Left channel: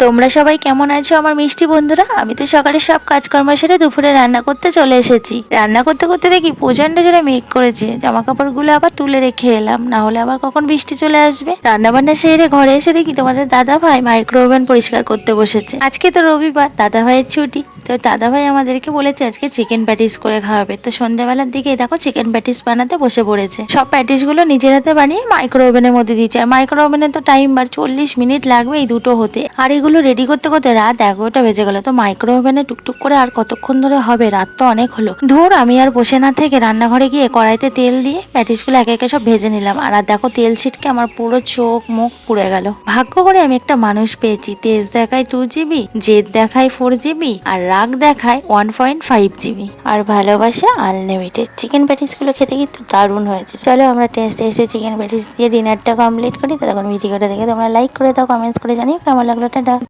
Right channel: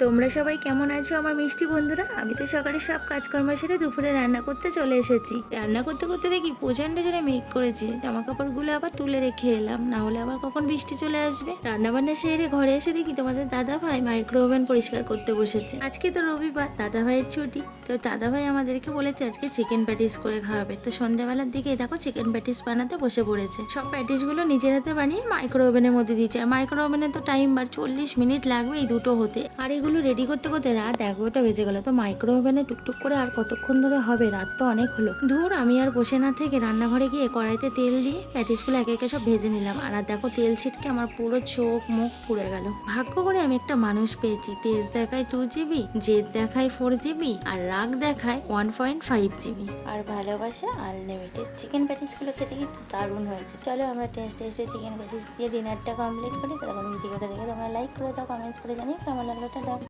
তোমরা সবাই কেমন আছো আমার মিষ্টি বন্ধুরা? আমি তো সকালে সব কাজকর্ম সেরে দুপুরে রান্না করতে চলে এসেছি। রান্না করতে করতে দেখি প্রচন্ড জোরে মেঘ করেছে, জামা কাপড়গুলো আবার তুলে রেখে এলাম, না হলে আবার কখন বৃষ্টি চলে আসবে। রান্না বান্না সেরে ঘরে এসে দেখি তোমাদের দাদা ভাই মাইক্রো ওভেন পরিষ্কার করতে বসেছে। আজকে তো রবিবার, দাদা ভাইয়ের ছুটি। তো দাদা ভাই আমাদেরকে বলেছে আজকে চিকেন প্যাটিস করে খাওয়াবে। তো সন্ধ্যাবেলার দিকে দেখো চিকেন প্যাটিস বানাতে বসে পড়েছে। সব প্যাটিস গুলো নিজের হাতে বানিয়ে মাইক্রো ওভেনের মধ্যে দিচ্ছে। আর মাইক্রো ওভেনে তো টাইম 40 মিনিট লাগবে এই দুটো হতে। আর এগুলো রেডি করতে করতে রাত 11টা বেজে গেল। তো মাইক্রো ওভেনে টুকটুক করে আর কতক্ষণ ধরে হবে, রাত তো অনেক হলো। ধুর, আমি আর বসে না থেকে রান্নাঘরে গিয়ে কড়াইতে তেল দিয়ে প্যাটিসগুলো একে একে সব ভেজে নিলাম। আর দেখো তেল ছিটকে আমার পুরো চোখ মুখ পুড়ে গেল। ভাগ্য করে আমি একটা মানুষ পেয়েছি, তেজ দেখায় 2 GB, জেদ দেখায় 4 GB, আর রাগ দেখায় 1.5 GB, আর ভালোবাসা আনলিমিটেড। চিকেন প্যাটিস গুলো খেতে কিন্তু দারুণ হয়েছে। চলো আমরা টেস্টে চিকেন প্যাটিস দিয়ে ডিনারটা কমপ্লিট করি। তখন ভিডিওটা দেখে তোমরা লাইক করে দাও, কমেন্টস করে জানিও কেমন লাগলো। টাটা।